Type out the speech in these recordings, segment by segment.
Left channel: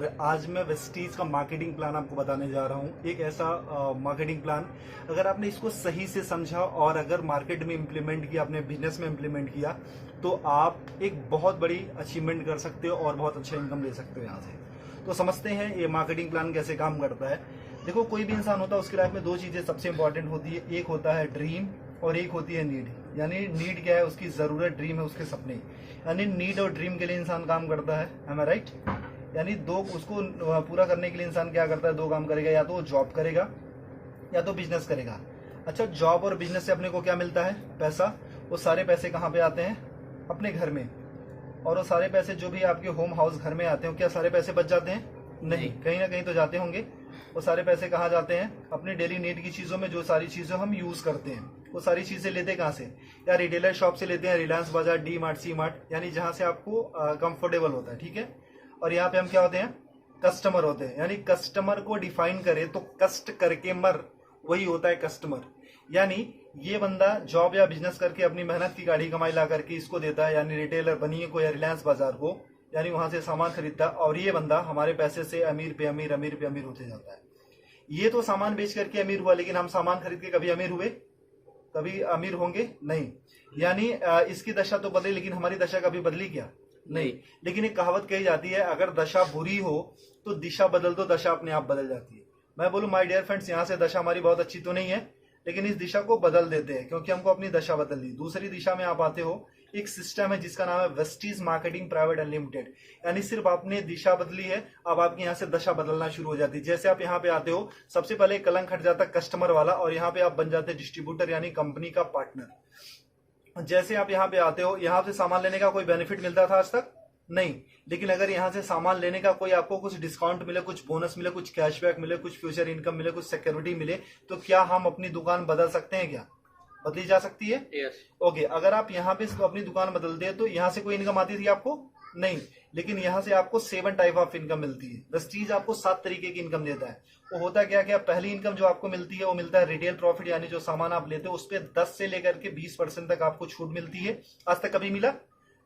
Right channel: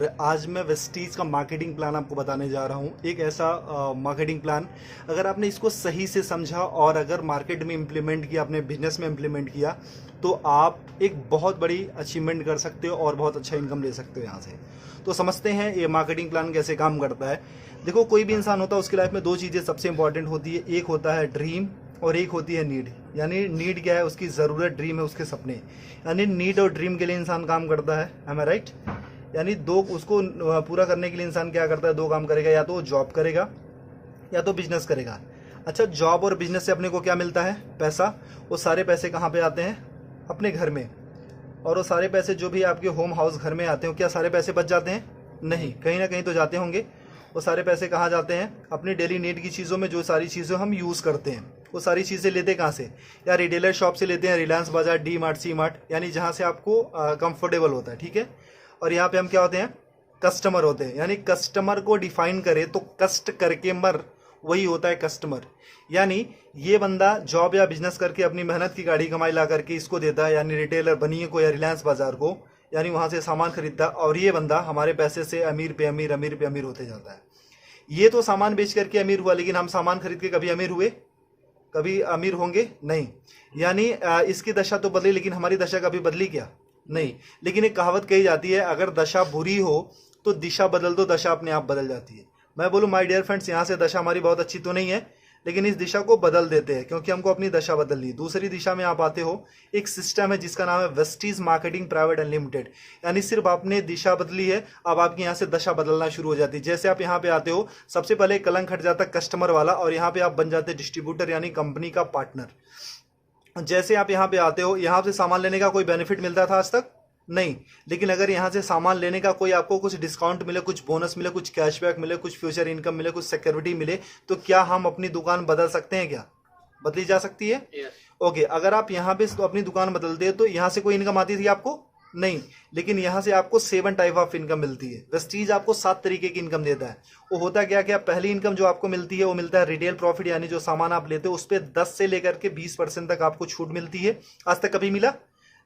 आज मैं वेस्टीज का मार्केटिंग प्लान आपको बताने जा रहा हूँ। एक ऐसा मार्केटिंग प्लान, अगर आपने इसको सही से समझा और अगर मार्केट में इम्प्लीमेंट किया, अपने बिजनेस में इम्प्लीमेंट किया, तो आप एक बहुत बड़ी अचीवमेंट कर सकते हो और बहुत अच्छा इनकम ले सकते हो यहाँ से। तो समझते हैं ये मार्केटिंग प्लान कैसे काम करता है। देखो, कोई भी इंसान होता है, उसकी लाइफ में दो चीज़ें सबसे इंपॉर्टेंट होती है। एक होता है ड्रीम और एक होती है नीड। यानी नीड क्या है? उसकी ज़रूरत। ड्रीम है उसके सपने। यानी नीड और ड्रीम के लिए इंसान काम करता है। एम आई राइट? यानी दो, उसको पूरा करने के लिए इंसान क्या करता है? दो काम करेगा, या तो वो जॉब करेगा या तो बिजनेस करेगा। अच्छा, जॉब और बिजनेस से अपने को क्या मिलता है? पैसा। वो सारे पैसे कहाँ पे आते हैं? अपने घर में। और वो सारे पैसे जो भी आपके होम हाउस घर में आते हैं, क्या सारे पैसे बच जाते हैं? नहीं, कहीं ना कहीं तो जाते होंगे। वो सारे पैसे कहाँ जाते हैं? अपनी डेली नीड की चीज़ों में। जो सारी चीज़ें हम यूज़ करते हैं, वो सारी चीज़ें लेते कहाँ से? या रिटेलर शॉप से लेते हैं, रिलायंस बाजार, डी मार्ट, सी मार्ट, यानी जहाँ से आपको कंफर्टेबल होता है। ठीक है। और यहाँ पे हम क्या होते हैं? कस्टमर होते हैं। यानी कस्टमर को डिफाइन करें तो कष्ट करके मर, वही होता है कस्टमर। यानी ये बंदा जॉब या बिजनेस करके अपनी मेहनत की गाड़ी कमाई ला करके इसको देता है, यानी रिटेलर बनिए को या रिलायंस बाजार को, यानी वहां से सामान खरीदता, और ये बंदा हमारे पैसे से अमीर पे अमीर, अमीर पे अमीर होते जाता है। ये तो सामान बेच करके अमीर हुआ, लेकिन हम सामान खरीद के कभी अमीर हुए? कभी अमीर होंगे? नहीं। यानी इसकी दशा तो बदली, लेकिन हमारी दशा कभी बदली क्या? नहीं। लेकिन एक कहावत कही जाती है, अगर दशा बुरी हो तो दिशा बदल दो, दशा अपने आप बदल जाती है। मैं बोलूं माय डियर फ्रेंड्स, यहाँ से दशा हमारी बहुत अच्छी तो नहीं है, लेकिन इस दिशा को बदल देते हैं, क्योंकि हमको अपनी दशा बदलनी। दूसरी दिशा में आप आते हो, एक सिस्टम है जिसका नाम है वेस्टीज मार्केटिंग प्राइवेट अनलिमिटेड। यानी सिर्फ आपने दिशा बदली है, अब आपकी यहाँ से दशा बदलना शुरू हो जाती है। जैसे आप यहाँ पे आते हो, सबसे पहले कलंक हट जाता कस्टमर वाला, और यहाँ पे आप बन जाते डिस्ट्रीब्यूटर, यानी कंपनी का पार्टनर। जैसे आप यहाँ पे आते हो, यहाँ से सामान लेने का कोई बेनिफिट मिलता था आज तक? नहीं। लेकिन अगर यहाँ से सामान लेने का कोई आपको कुछ डिस्काउंट मिले, कुछ बोनस मिले, कुछ कैशबैक मिले, कुछ फ्यूचर इनकम मिले, कुछ सिक्योरिटी मिले, तो क्या हम अपनी दुकान बदल सकते हैं? क्या बदली जा सकती है? ओके। अगर आप यहाँ पे अपनी दुकान बदलते हैं तो यहाँ से कोई इनकम आती थी आपको? नहीं। लेकिन यहाँ से आपको 7 टाइप ऑफ इनकम मिलती है। वेस्टीज आपको 7 तरीके की इनकम देता है। वो होता क्या क्या? पहली इनकम जो आपको मिलती है वो मिलता है रिटेल प्रॉफिट, यानी जो सामान आप लेते हो उस पर 10 से लेकर के 20% तक आपको छूट मिलती है। आज तक कभी मिला?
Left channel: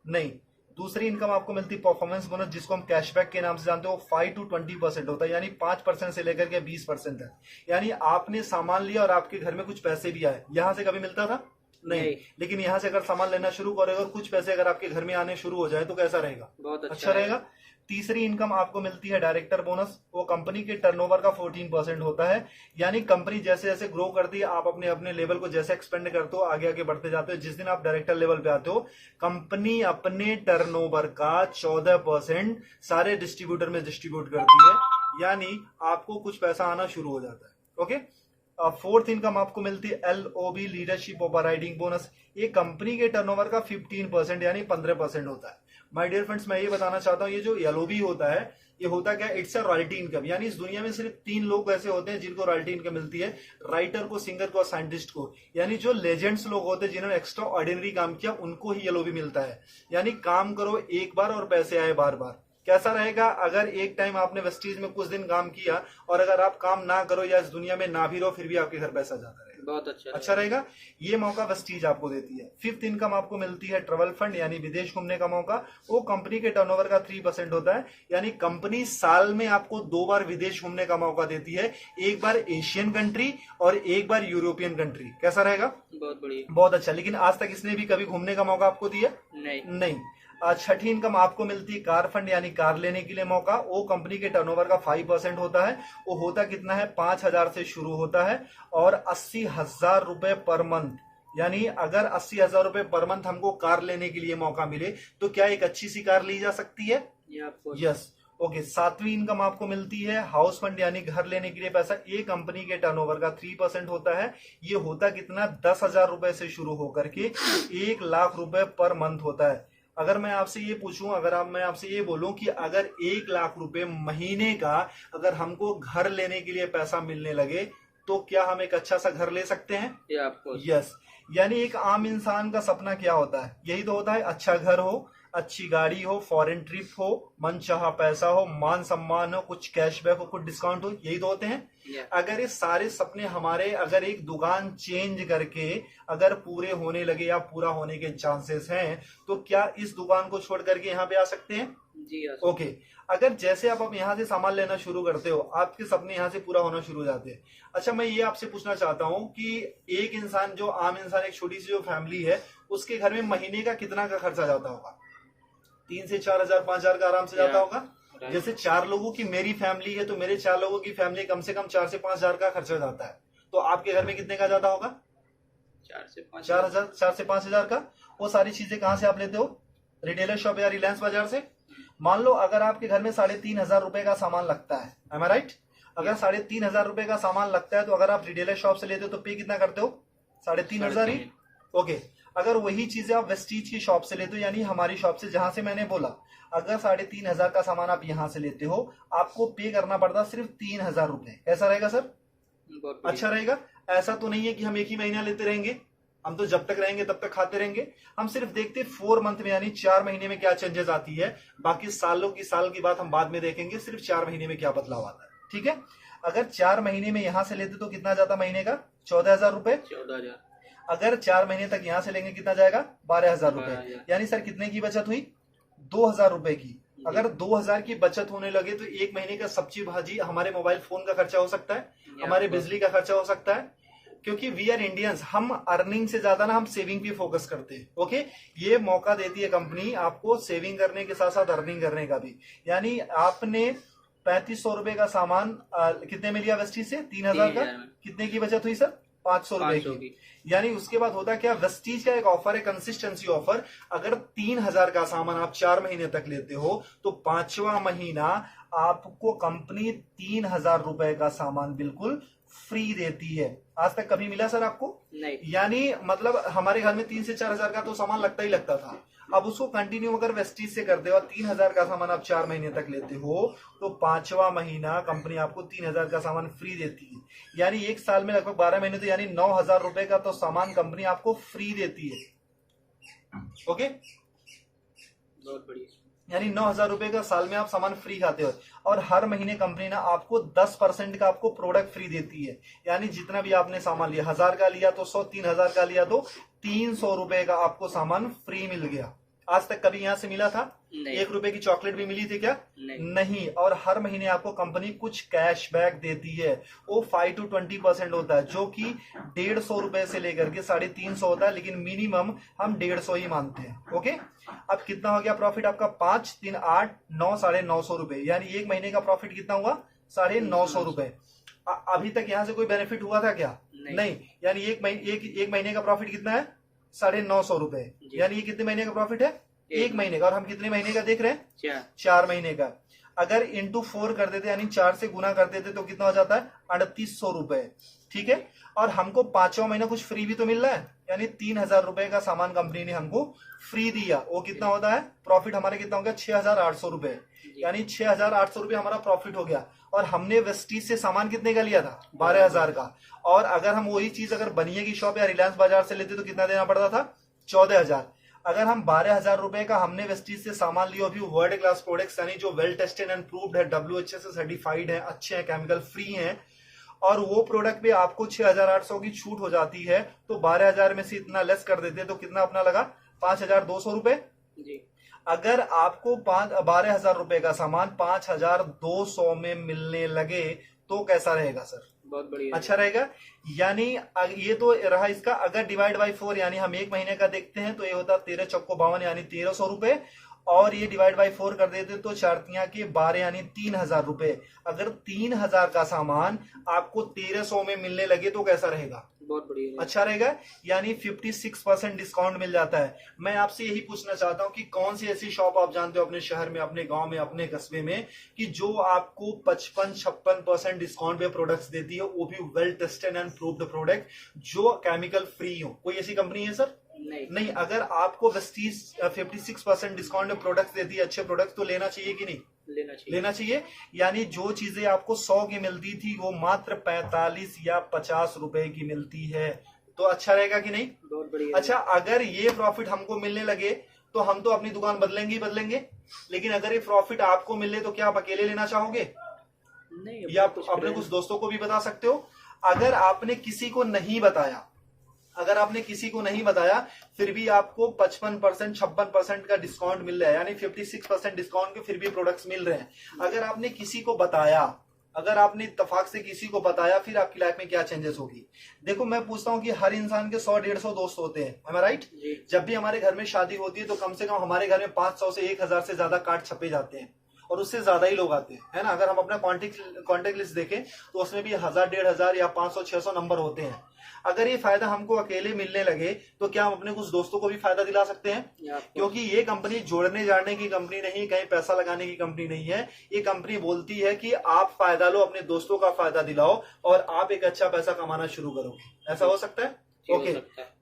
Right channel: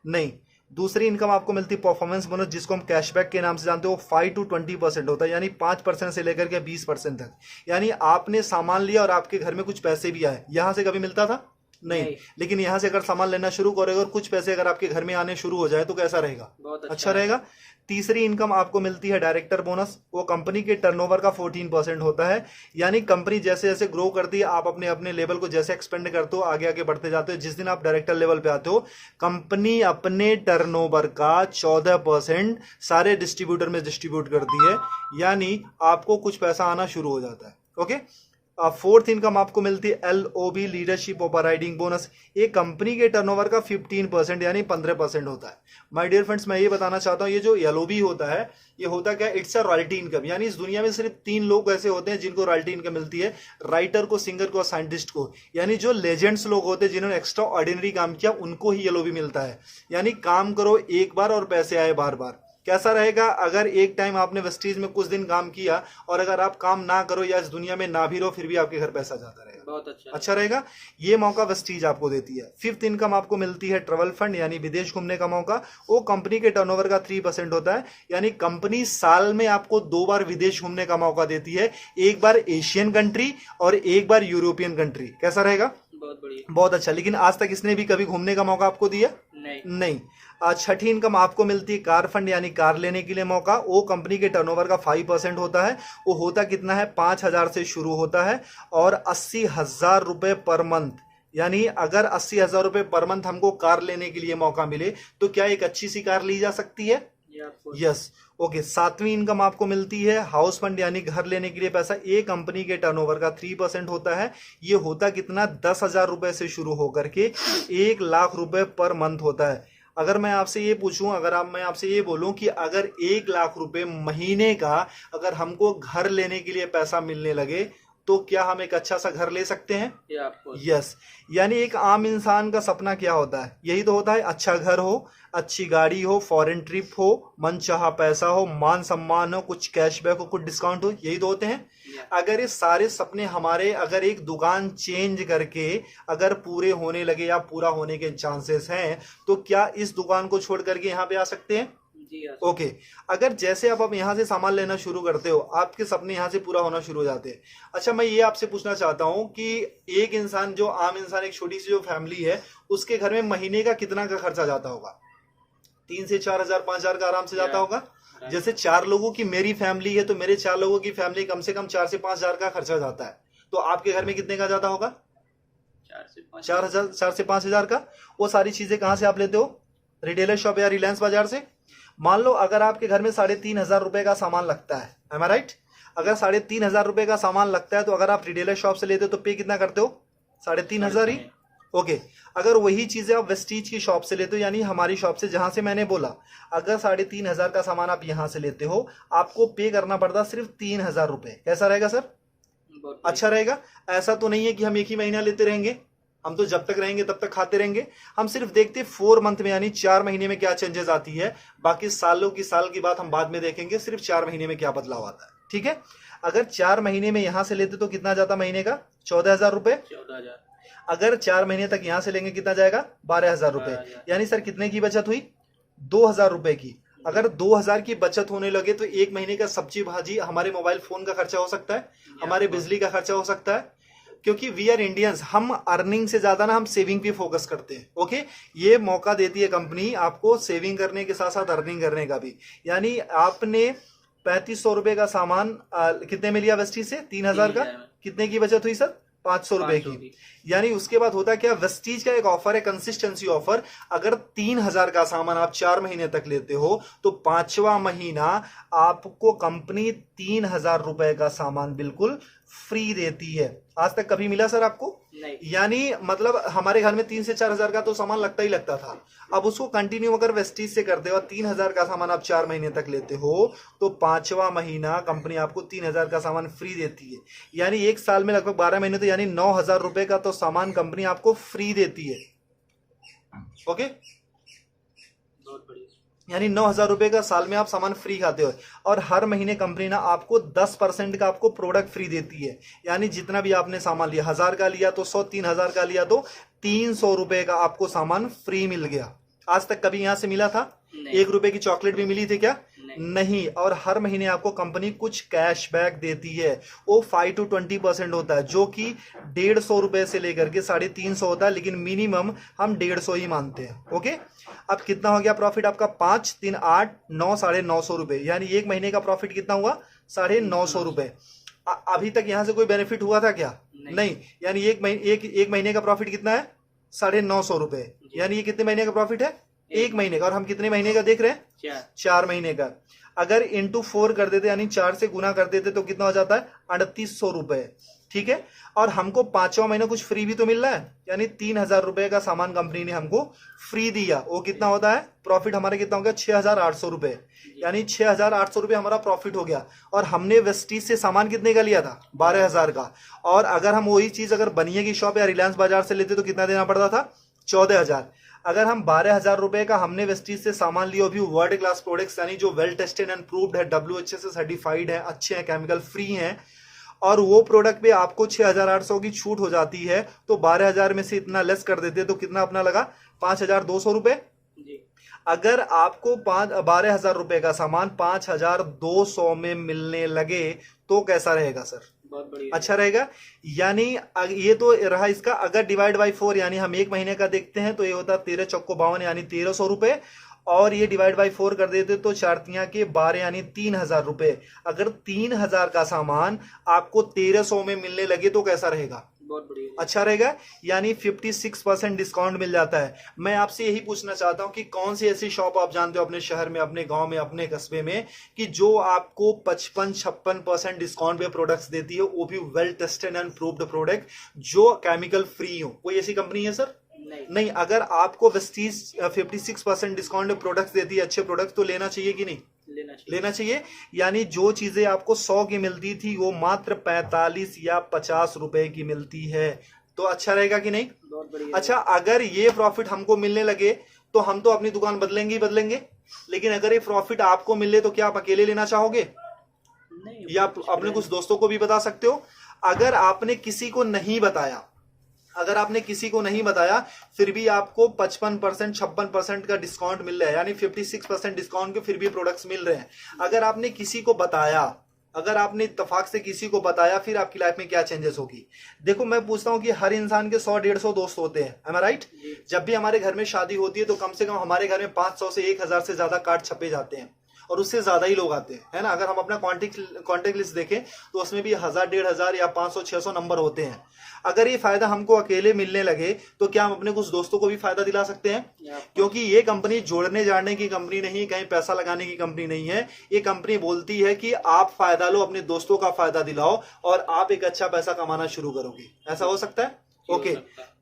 नहीं। दूसरी इनकम आपको मिलती है परफॉर्मेंस बोनस, जिसको हम कैशबैक के नाम से जानते हो। 5 to 20% होता है, यानी 5% से लेकर के 20% तक। यानी आपने सामान लिया और आपके घर में कुछ पैसे भी आए, यहां से कभी मिलता था? नहीं। लेकिन यहां से अगर सामान लेना शुरू करोगे और कुछ पैसे अगर आपके घर में आने शुरू हो जाए तो कैसा रहेगा? बहुत अच्छा रहेगा। तीसरी इनकम आपको मिलती है डायरेक्टर बोनस। वो कंपनी के टर्नओवर का 14% होता है। यानी कंपनी जैसे जैसे ग्रो करती है, आप अपने अपने लेवल को जैसे एक्सपेंड करते हो, आगे आगे बढ़ते जाते हो, जिस दिन आप डायरेक्टर लेवल पे आते हो, कंपनी अपने टर्नओवर का 14% सारे डिस्ट्रीब्यूटर में डिस्ट्रीब्यूट करती है। यानी आपको कुछ पैसा आना शुरू हो जाता है। ओके। फोर्थ इनकम आपको मिलती है LOB, लीडरशिप ओवरराइडिंग बोनस। एक कंपनी के टर्नओवर का 15% यानी 15% होता है। माय डियर फ्रेंड्स, मैं ये बताना चाहता हूँ, ये जो LOB होता है, ये होता क्या? It's a royalty income. यानी इस दुनिया में सिर्फ 3 लोग ऐसे होते हैं जिनको रॉयल्टी इनकम मिलती है, राइटर को, सिंगर को और साइंटिस्ट को। यानी जो लेजेंड्स लोग होते हैं जिन्होंने एक्स्ट्रा ऑर्डिनरी काम किया, उनको ही LOB मिलता है। यानी काम करो एक बार और पैसे आए बार बार। कैसा रहेगा अगर एक टाइम आपने वेस्टीज में कुछ दिन काम किया और अगर आप काम ना करो या इस दुनिया में ना भी रहो, फिर भी आपके घर पैसा जाता रहेगा? बहुत अच्छा रहेगा। ये मौका वेस्टीज आपको देती है। फिफ्थ इनकम आपको मिलती है ट्रेवल फंड, यानी विदेश घूमने का मौका। वो कंपनी के टर्नओवर का 3% होता है। यानी कंपनी साल में आपको 2 बार विदेश घूमने का मौका देती है, एक बार एशियन कंट्री और एक बार यूरोपियन कंट्री। कैसा रहेगा? बहुत बढ़िया, बहुत अच्छा। लेकिन आज तक इसने भी कभी घूमने का मौका आपको दिया? नहीं। आज छठी इनकम आपको मिलती है कार फंड, यानी कार लेने के लिए मौका। वो कंपनी के टर्नओवर का 5% होता है। वो होता कितना है? 5,000 से शुरू होता है और 80,000 रुपए पर मंथ। यानी अगर 80,000 रुपए पर मंथ हमको कार लेने के लिए मौका मिले तो क्या एक अच्छी सी कार ली जा सकती है? यस। ओके। सातवीं इनकम आपको मिलती है हाउस फंड, यानी घर लेने के लिए पैसा। एक कंपनी के टर्नओवर का 3% होता है। ये होता कितना? 10,000 रुपए से शुरू होकर के 1,00,000 रुपए पर मंथ होता है। अगर मैं आपसे ये पूछूं, मैं आपसे ये बोलूं कि अगर 1,00,000 रुपए महीने का अगर हमको घर लेने के लिए पैसा मिलने लगे, तो क्या हम एक अच्छा सा घर ले सकते हैं? यस। यानी एक आम इंसान का सपना क्या होता है? यही तो होता है, अच्छा घर हो, अच्छी गाड़ी हो, फॉरेन ट्रिप हो, मनचाहा पैसा हो, मान सम्मान हो, कुछ कैशबैक हो, कुछ डिस्काउंट हो, यही तो होते हैं। अगर ये सारे सपने हमारे अगर एक दुकान चेंज करके अगर पूरे होने लगे या पूरा होने के चांसेस हैं, तो क्या इस दुकान को छोड़ करके यहाँ पे आ सकते हैं? जी हाँ। ओके। अगर जैसे आप यहाँ से सामान लेना शुरू करते हो, आपके सपने यहाँ से पूरा होना शुरू हो जाते हैं। अच्छा, मैं ये आपसे पूछना चाहता हूँ कि एक इंसान, जो आम इंसान, एक छोटी सी जो फैमिली है, उसके घर में महीने का कितना का खर्चा जाता होगा? 3 से 4 हजार, 5 हजार का आराम से जाता या होगा। राइट। जैसे 4 लोगों की मेरी फैमिली है, तो मेरे 4 लोगों की फैमिली कम से कम 4 से 5 हजार का खर्चा जाता है। तो आपके घर में कितने का जाता होगा? 4 से 5 हजार। 4 हजार, 4 से 5 हजार का। वो सारी चीजें कहाँ से आप लेते हो? रिटेलर शॉप या रिलायंस बाजार से। मान लो अगर आपके घर में 3,500 रुपए का सामान लगता है, एम आई राइट? अगर 3,500 रुपए का सामान लगता है, तो अगर आप रिटेलर शॉप से लेते हो तो पे कितना करते हो? 3,500 ही। 3.5। ओके। अगर वही चीजें आप वेस्टीज की शॉप से लेते हो, यानी हमारी शॉप से, जहां से मैंने बोला, अगर 3,500 का सामान आप यहां से लेते हो, आपको पे करना पड़ता सिर्फ 3,000 रुपए। कैसा रहेगा सर? बहुत अच्छा बढ़िया। रहेगा। ऐसा तो नहीं है कि हम एक ही महीना लेते रहेंगे, हम तो जब तक रहेंगे तब तक खाते रहेंगे। हम सिर्फ देखते 4 मंथ में, यानी 4 महीने में क्या चेंजेस आती है। बाकी साल की बात हम बाद में देखेंगे, सिर्फ 4 महीने में क्या बदलाव आता है। ठीक है। अगर 4 महीने में यहां से लेते तो कितना जाता महीने का? 14,000 रुपए। 14 हजार। अगर 4 महीने तक यहां से लेंगे, कितना जाएगा? 12,000 रुपए। 12 हजार। यानी सर कितने की बचत हुई? 2,000 रुपए की। जी। अगर 2,000 की बचत होने लगे, तो एक महीने का सब्जी भाजी, हमारे मोबाइल फोन का खर्चा हो सकता है, या हमारे बहुत। बिजली का खर्चा हो सकता है। क्योंकि वी आर इंडियंस, हम अर्निंग से ज्यादा ना हम सेविंग पे फोकस करते हैं। ओके। ये मौका देती है कंपनी आपको सेविंग करने के साथ साथ अर्निंग करने का भी। यानी आपने 3,500 रुपए का सामान कितने में लिया वेस्टीज से? 3,000 का। 3 हजार में। कितने की बचत हुई सर? 500 रुपए 500 की। की। यानी उसके बाद होता क्या, वेस्टीज का एक ऑफर है, कंसिस्टेंसी ऑफर। अगर 3,000 का सामान आप 4 महीने तक लेते हो, तो 5वां महीना आपको कंपनी 3,000 रुपए का सामान बिल्कुल फ्री देती है। आज तक कभी मिला सर आपको? नहीं। यानी मतलब हमारे घर में 3 से 4 हजार का तो सामान लगता ही लगता था। अब उसको कंटिन्यू अगर वेस्टीज से करते हो और 3,000 का सामान आप 4 महीने तक लेते हो, तो 5वां महीना कंपनी आपको 3,000 का सामान फ्री देती है। यानी एक साल में लगभग 12 महीने, तो यानी 9,000 रुपए का तो सामान कंपनी आपको फ्री देती है। ओके। बहुत बढ़िया। यानी 9,000 रुपए का साल में आप सामान फ्री खाते हो। और हर महीने कंपनी ना आपको 10% का आपको प्रोडक्ट फ्री देती है। यानी जितना भी आपने सामान लिया, 1,000 का लिया तो 100, 3,000 का लिया तो 300 रुपए का आपको सामान फ्री मिल गया। आज तक कभी यहां से मिला था? नहीं। 1 रुपए की चॉकलेट भी मिली थी क्या? नहीं। नहीं। और हर महीने आपको कंपनी कुछ कैशबैक देती है। वो 5 to 20% होता है, जो कि 150 रुपए से लेकर के 350 होता है, लेकिन मिनिमम हम 150 ही मानते हैं। ओके। अब कितना हो गया प्रॉफिट आपका? 5, 3, 8, 9, 950 रुपए। यानी एक महीने का प्रॉफिट कितना हुआ? 950 रुपए। अभी तक यहां से कोई बेनिफिट हुआ था क्या? नहीं। यानी एक महीने का प्रॉफिट कितना है? 950 रुपए। जी। यानी ये कितने महीने का प्रॉफिट है? एक एक महीने का। और हम कितने महीने का देख रहे हैं? 4। 4 महीने का। अगर इंटू 4 कर देते, यानी 4 से गुना कर देते, तो कितना हो जाता है? 3,800 रुपए। ठीक है। और हमको 5वां महीना कुछ फ्री भी तो मिल रहा है, यानी 3,000 रुपए का सामान कंपनी ने हमको फ्री दिया। वो कितना होता है? प्रॉफिट हमारा कितना हो गया? 6,800 रुपए। यानी 6,800 रुपए हमारा प्रॉफिट हो गया। और हमने वेस्टीज से सामान कितने का लिया था? 12,000 का। और अगर हम वही चीज अगर बनिए की शॉप या रिलायंस बाजार से लेते तो कितना देना पड़ता था? 14,000। अगर हम 12,000 रुपए का हमने वेस्टीज से सामान लिया, भी वर्ल्ड क्लास प्रोडक्ट्स, यानी जो वेल टेस्टेड एंड प्रूव्ड है, WHA से सर्टिफाइड है, अच्छे हैं, केमिकल फ्री हैं, और वो प्रोडक्ट पे आपको 6,800 की छूट हो जाती है, तो 12,000 में से इतना लेस कर देते तो कितना अपना लगा? 5,200 रुपए। जी। अगर आपको 12,000 रुपए का सामान 5,200 में मिलने लगे, तो कैसा रहेगा सर? बहुत बढ़िया। अच्छा रहेगा। यानी ये तो रहा इसका। अगर डिवाइड बाई 4, यानी हम एक महीने का देखते हैं, तो ये होता है 13 चौको 52, यानी 1,300 रुपए। और ये डिवाइड बाई 4 कर देते तो 4 के 12, यानी 3,000 रुपए। अगर 3,000 का सामान आपको 1,300 में मिलने लगे, तो कैसा रहेगा? बहुत बढ़िया। अच्छा रहेगा। यानी 56% डिस्काउंट मिल जाता है। मैं आपसे यही पूछना चाहता हूं कि कौन सी ऐसी शॉप आप जानते हो अपने शहर में, अपने गांव में, अपने कस्बे में, कि जो आपको 55-56% डिस्काउंट पे प्रोडक्ट्स देती है, वो भी well tested and proved product, जो केमिकल फ्री हो? कोई ऐसी कंपनी है सर? नहीं। अगर आपको वेस्टीज 56% डिस्काउंट पे प्रोडक्ट्स देती है, अच्छे प्रोडक्ट, तो लेना चाहिए कि नहीं? लेना चाहिए। यानी जो चीजें आपको 100 की मिलती थी, वो मात्र 45 या 50 रुपए की मिलती है। तो अच्छा रहेगा कि नहीं? बहुत बढ़िया। अच्छा, अगर ये प्रॉफिट हमको मिलने लगे, तो हम तो अपनी दुकान बदलेंगे ही बदलेंगे। लेकिन अगर ये प्रॉफिट आपको मिले, तो क्या आप अकेले लेना चाहोगे? नहीं। या आप अपने कुछ दोस्तों को भी बता सकते हो। अगर आपने किसी को नहीं बताया, अगर आपने किसी को नहीं बताया फिर भी आपको 55% 56% का डिस्काउंट मिल रहा है, यानी 56% डिस्काउंट के फिर भी प्रोडक्ट्स मिल रहे हैं। अगर आपने किसी को बताया, अगर आपने इत्तेफाक से किसी को बताया, फिर आपकी लाइफ में क्या चेंजेस होगी। देखो मैं पूछता हूँ कि हर इंसान के 100-150 दोस्त होते हैं, am I right? जब भी हमारे घर में शादी होती है तो कम से कम हमारे घर में 500 से 1000 से ज्यादा कार्ड छपे जाते हैं और उससे ज्यादा ही लोग आते हैं, है ना। अगर हम अपना कॉन्टेक्ट लिस्ट देखें तो उसमें भी 1000-1500 या 500-600 नंबर होते हैं। अगर ये फायदा हमको अकेले मिलने लगे तो क्या हम अपने कुछ दोस्तों को भी फायदा दिला सकते हैं? क्योंकि ये कंपनी जोड़ने जाने की कंपनी नहीं, कहीं पैसा लगाने की कंपनी नहीं है। ये कंपनी बोलती है कि आप फायदा लो, अपने दोस्तों का फायदा दिलाओ और आप एक अच्छा पैसा कमाना शुरू करोगे। ऐसा हो सकता है? ओके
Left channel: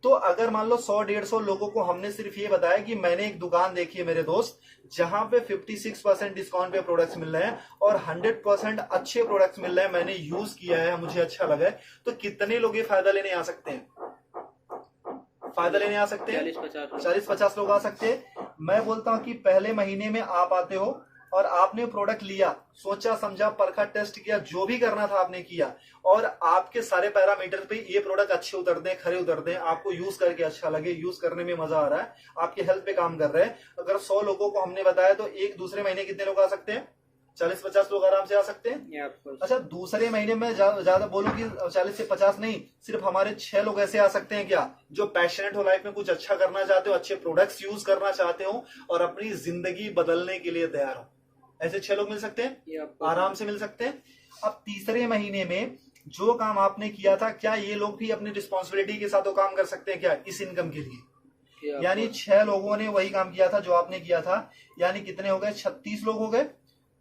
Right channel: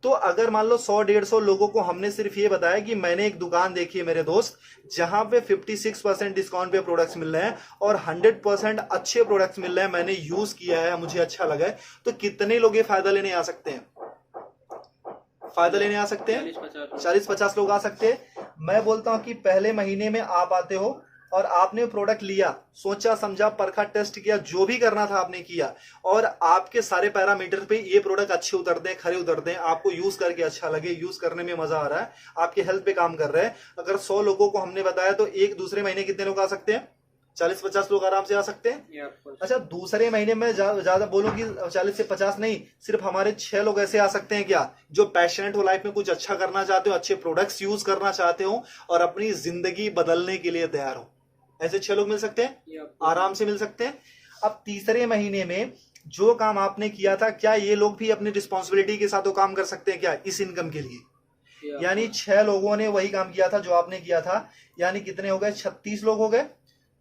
तो अगर मान लो 100-150 लोगों को हमने सिर्फ ये बताया कि मैंने एक दुकान देखी है मेरे दोस्त जहां पे 56% डिस्काउंट पे प्रोडक्ट्स मिल रहे हैं और 100% अच्छे प्रोडक्ट्स मिल रहे हैं, मैंने यूज किया है, मुझे अच्छा लगा है, तो कितने लोग ये फायदा लेने आ सकते हैं? फायदा लेने आ सकते हैं 40-50 लोग आ सकते हैं। मैं बोलता हूं कि पहले महीने में आप आते हो और आपने प्रोडक्ट लिया, सोचा समझा, परखा, टेस्ट किया, जो भी करना था आपने किया और आपके सारे पैरामीटर पे ये प्रोडक्ट अच्छे उतरते हैं, खरे उतरते हैं, आपको यूज करके अच्छा लगे, यूज करने में मजा आ रहा है, आपके हेल्थ पे काम कर रहे हैं। अगर 100 लोगों को हमने बताया तो एक दूसरे महीने कितने लोग आ सकते हैं? 40-50 लोग आराम से आ सकते हैं। अच्छा दूसरे महीने में ज्यादा बोलूं कि 40 से 50 नहीं, सिर्फ हमारे 6 लोग ऐसे आ सकते हैं क्या जो पैशनेट हो, लाइफ में कुछ अच्छा करना चाहते हो, अच्छे प्रोडक्ट्स यूज करना चाहते हो और अपनी जिंदगी बदलने के लिए तैयार हो। ऐसे 6 लोग मिल सकते हैं, आराम से मिल सकते हैं। अब तीसरे महीने में जो काम आपने किया था, क्या ये लोग भी अपनी रिस्पॉन्सिबिलिटी के साथ वो काम कर सकते हैं क्या इस इनकम के लिए? यानी 6 लोगों ने वही काम किया था जो आपने किया था, यानी कितने हो गए? 36 लोग हो गए।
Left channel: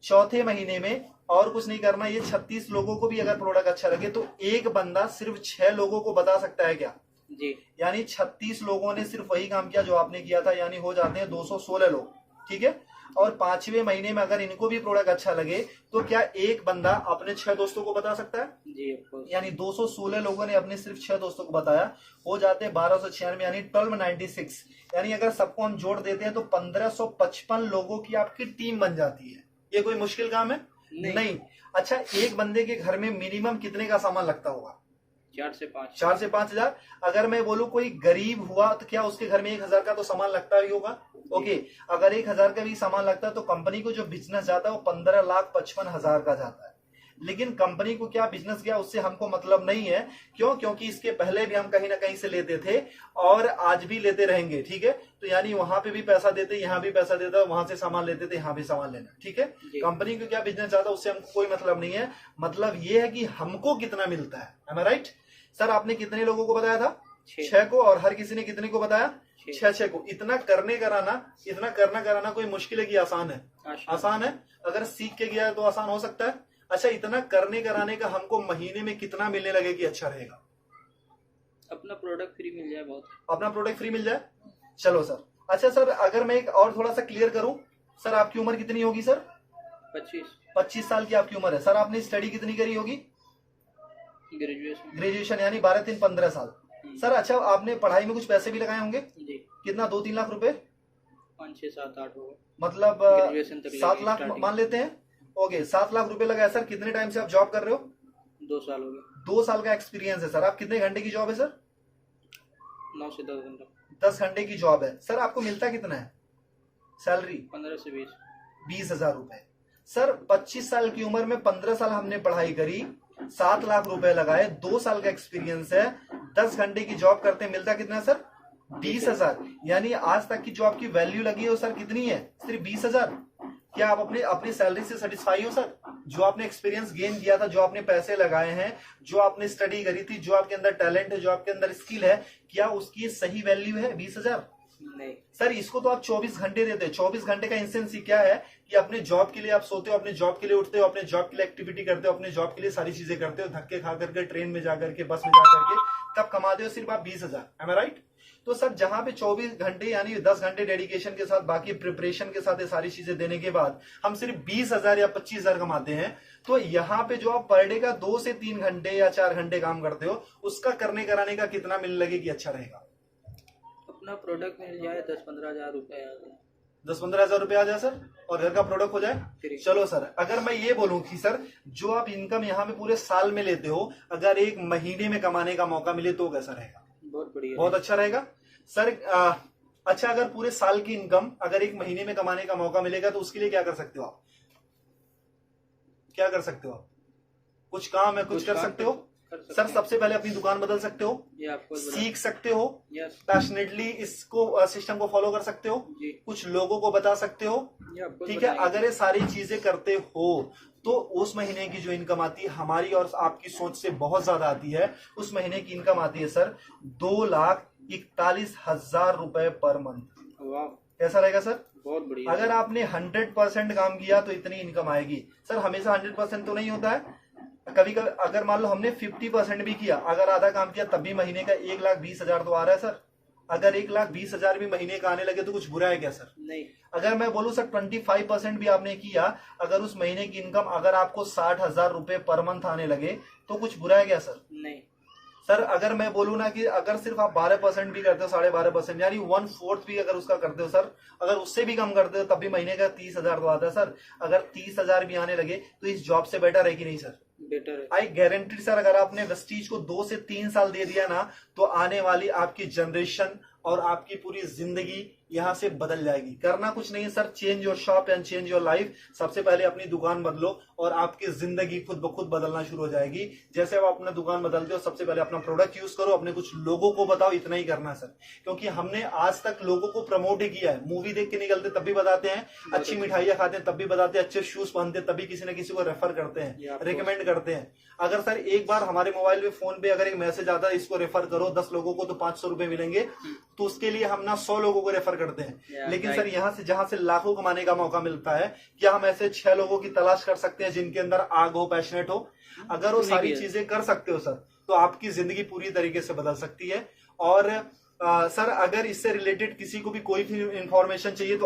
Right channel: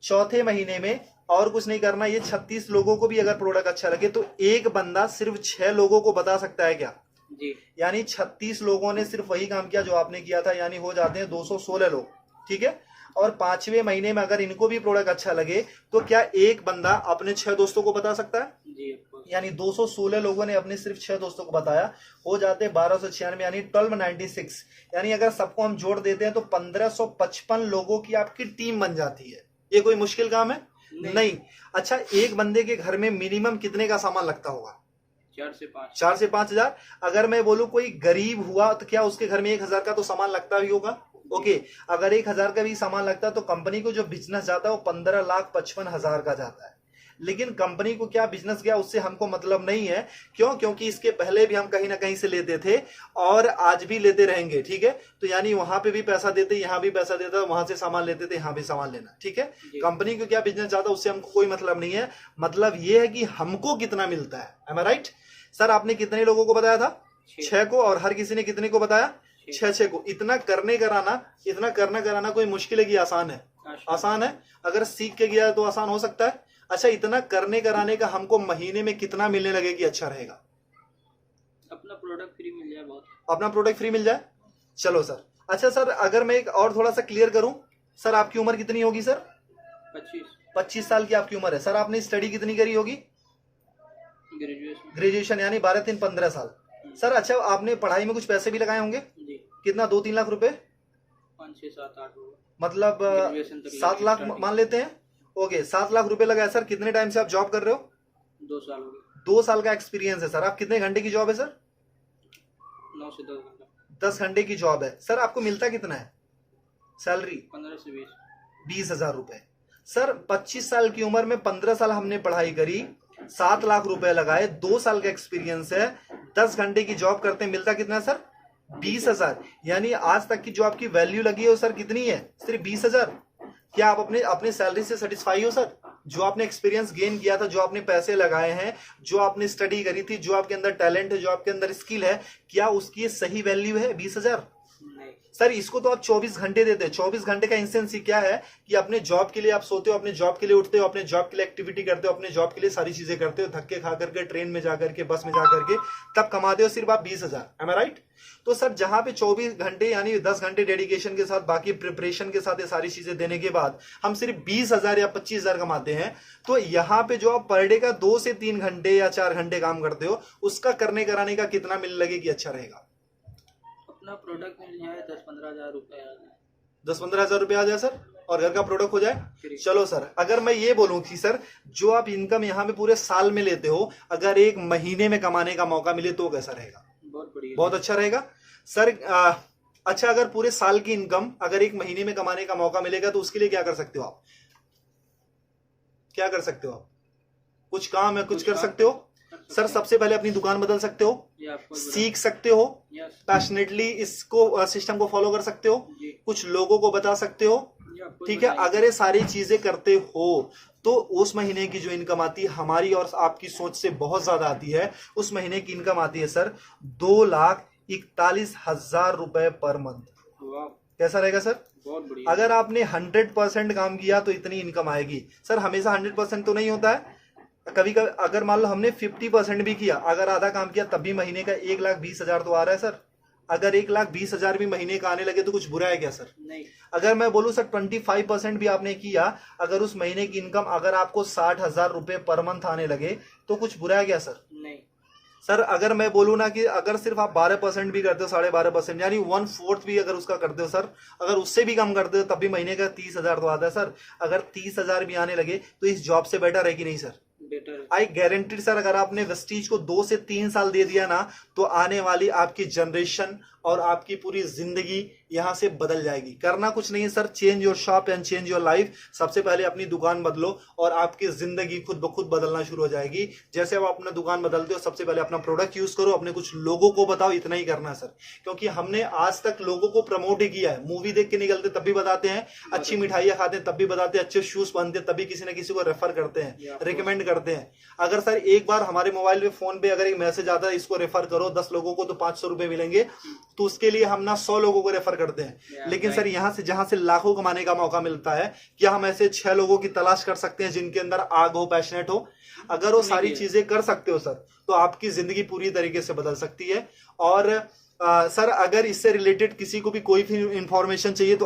चौथे महीने में और कुछ नहीं करना, ये 36 लोगों को भी अगर प्रोडक्ट अच्छा लगे तो एक बंदा सिर्फ 6 लोगों को बता सकता है क्या जी? यानी 36 लोगों ने सिर्फ वही काम किया जो आपने किया था, यानी हो जाते हैं 216 लोग, ठीक है। और 5वें महीने में अगर इनको भी प्रोडक्ट अच्छा लगे तो क्या एक बंदा अपने 6 दोस्तों को बता सकता है जी? यानी 216 लोगों ने अपने सिर्फ 6 दोस्तों को बताया, हो जाते 1296 यानी 1296, यानी अगर सबको हम जोड़ देते हैं तो 1555 लोगों की आपकी टीम बन जाती है। ये कोई मुश्किल काम है? नहीं। अच्छा एक बंदे के घर में मिनिमम कितने का सामान लगता होगा? 4 से 5 हजार। अगर मैं बोलूं कोई गरीब हुआ तो क्या उसके घर में 1000 का तो सामान लगता ही होगा? ओके अगर 1000 का भी सामान लगता है तो कंपनी को जो बिजनेस जाता है वो 15,55,000 का जाता है। लेकिन कंपनी को क्या बिजनेस गया उससे हमको मतलब नहीं है। क्यों? क्योंकि इसके पहले भी हम कहीं ना कहीं से लेते थे और आज भी लेते रहेंगे, ठीक है। तो यानी वहां पे भी पैसा देते, यहाँ भी पैसा देता, वहां से सामान लेते थे, यहाँ भी सामान लेना, ठीक है। कंपनी को क्या बिजनेस जाता उससे हमको कोई मतलब नहीं है। मतलब ये है कि हमको कितना मिलता है। एम आई राइट? सर आपने कितने लोगों को बताया था? 6 को। और हर किसी ने कितने को बताया? 6 को। इतना करने कराना कोई मुश्किल है कि आसान है? आसान है। अगर सीख के गया तो आसान हो सकता है। अच्छा इतना करने कराने का हमको महीने में कितना मिलने लगे कि अच्छा रहेगा? अपना प्रोडक्ट फ्री मिल जाए, बहुत अपना प्रोडक्ट फ्री मिल जाए। चलो सर। अच्छा सर अगर मैं एक और थोड़ा सा क्लियर करूं, सर आपकी उम्र कितनी होगी सर? 25 साल की आपकी उम्र है। सर आपने स्टडी कितनी करी होगी? ग्रेजुएशन यानी 12-3-15 साल। सर अच्छा आपने पढ़ाई में कुछ पैसे भी लगाए होंगे जी? कितना? 2-3 लाख रुपए? 5-6-7-8 होगा, मतलब 7 लाख मान लेते हैं। ओके 7 लाख रुपए लगाया। सर कितने टाइम से आप जॉब कर रहे हो? 2 साल हो गए। 2 साल का एक्सपीरियंस है सर। आप कितने घंटे की जॉब है सर? 9 से 10 घंटा। 10 घंटे की जॉब है। सर आपको मिलता कितना है सैलरी? 15 से 20 हजार रुपए। सर 25 साल की उम्र में 15 साल हमने पढ़ाई करी, 7 लाख रुपए लगाए, 2 साल का एक्सपीरियंस है, 10 घंटे की जॉब करते मिलता कितना सर? 20 हजार। यानी आज तक की जो आपकी वैल्यू लगी है वो सर कितनी है? सिर्फ 20 हजार। क्या आप अपनी सैलरी से सेटिस्फाई हो सर? जो आपने एक्सपीरियंस गेन किया था, जो आपने पैसे लगाए हैं, जो आपने स्टडी करी थी, जो आपके अंदर टैलेंट है, जो आपके अंदर स्किल है, क्या उसकी सही वैल्यू है 20 हजार? नहीं सर। इसको तो आप 24 घंटे देते हैं। 24 घंटे का इंसेंस क्या है कि अपने जॉब के लिए आप सोते हो, अपने जॉब के लिए उठते हो, अपने जॉब के लिए एक्टिविटी करते हो, अपने जॉब के लिए सारी चीजें करते हो, धक्के खा करके, ट्रेन में जाकर के, बस में जाकर के, तब कमाते हो सिर्फ आप 20 हजार। एम आई राइट? तो सर जहां पे 24 घंटे यानी 10 घंटे डेडिकेशन के साथ, बाकी प्रिपरेशन के साथ ये सारी चीजें देने के बाद हम सिर्फ 20 हजार या 25 हजार कमाते हैं, तो यहाँ पे जो आप पर डे का 2 से 3 घंटे या 4 घंटे काम करते हो, उसका करने कराने का कितना मिलने लगे कि अच्छा रहेगा? अपना प्रोडक्ट मिल जाए 10-15 हजार रुपए आ जाए। 10-15 हजार रुपए आ जाए सर, और घर का प्रोडक्ट हो जाए। चलो सर अगर मैं ये बोलूं कि सर जो आप इनकम यहाँ पे पूरे साल में लेते हो, अगर एक महीने में कमाने का मौका मिले तो कैसा रहेगा? बहुत बढ़िया। बहुत अच्छा रहेगा सर। अच्छा, अगर पूरे साल की इनकम अगर एक महीने में कमाने का मौका मिलेगा तो उसके लिए क्या कर सकते हो आप? क्या कर सकते हो आप? कुछ काम है, कुछ कर सकते हो सर। सबसे पहले अपनी दुकान बदल सकते हो, सीख सकते हो, पैशनेटली इसको सिस्टम को फॉलो कर सकते हो, कुछ लोगों को बता सकते हो, ठीक है। अगर ये सारी चीजें करते हो तो उस महीने की जो इनकम आती है हमारी और आपकी सोच से बहुत ज्यादा आती है। उस महीने की इनकम आती है सर 2,41,000 रुपए पर मंथ। कैसा रहेगा सर? बहुत बढ़िया। अगर आपने 100% काम किया तो इतनी इनकम आएगी सर। हमेशा 100% तो नहीं होता है, कभी कभी अगर मान लो हमने 50% भी किया, अगर आधा काम किया तब भी महीने का 1,20,000 तो आ रहा है सर। अगर 1,20,000 भी महीने का आने लगे तो कुछ बुरा है क्या सर? नहीं। अगर मैं बोलूं सर 25% भी आपने किया, अगर उस महीने की इनकम अगर आपको 60,000 रुपए पर मंथ आने लगे तो कुछ बुरा है क्या सर? नहीं सर अगर मैं बोलूं ना कि अगर सिर्फ आप 12% भी करते हो, 12.5% यानी 1/4 भी अगर उसका करते हो सर, अगर उससे भी कम करते हो तब भी महीने का 30,000 तो आता है सर। अगर 30,000 भी आने लगे तो इस जॉब से बेटर है कि नहीं सर? बेटर है। आई गारंटीड सर, अगर आपने वेस्टीज को 2 से 3 साल दे दिया ना तो आने वाली आपकी जनरेशन और आपकी पूरी जिंदगी यहां से बदल जाएगी। करना कुछ नहीं है sir, change your shop and change your life. सबसे पहले अपनी दुकान बदलो और आपकी जिंदगी खुद ब खुद बदलना शुरू हो जाएगी। जैसे आप अपना दुकान बदलते हो, सबसे पहले अपना प्रोडक्ट यूज करो, अपने कुछ लोगों को बताओ, इतना ही करना है सर। क्योंकि हमने आज तक लोगों को प्रमोट ही किया है। मूवी देख के निकलते तब भी बताते हैं, अच्छी मिठाइयां खाते हैं तब भी बताते हैं, अच्छे शूज पहनते हैं तभी किसी न किसी को रेफर करते हैं, रिकमेंड करते हैं। अगर सर एक बार हमारे मोबाइल पे फोन पे अगर एक मैसेज आता है इसको रेफर करो 10 लोगों को तो 500 रुपए मिलेंगे, तो उसके लिए हम ना 100 लोगों को रेफर करते हैं। लेकिन सर यहाँ से जहां से लाखों कमाने का मौका मिलता है, क्या हम ऐसे 6 लोगों की तलाश कर सकते हैं जिनके अंदर आग हो, पैशनेट हो? अगर वो सारी चीजें कर सकते हो सर तो आपकी जिंदगी पूरी तरीके से बदल सकती है। और सर अगर इससे रिलेटेड किसी को भी कोई भी इंफॉर्मेशन चाहिए तो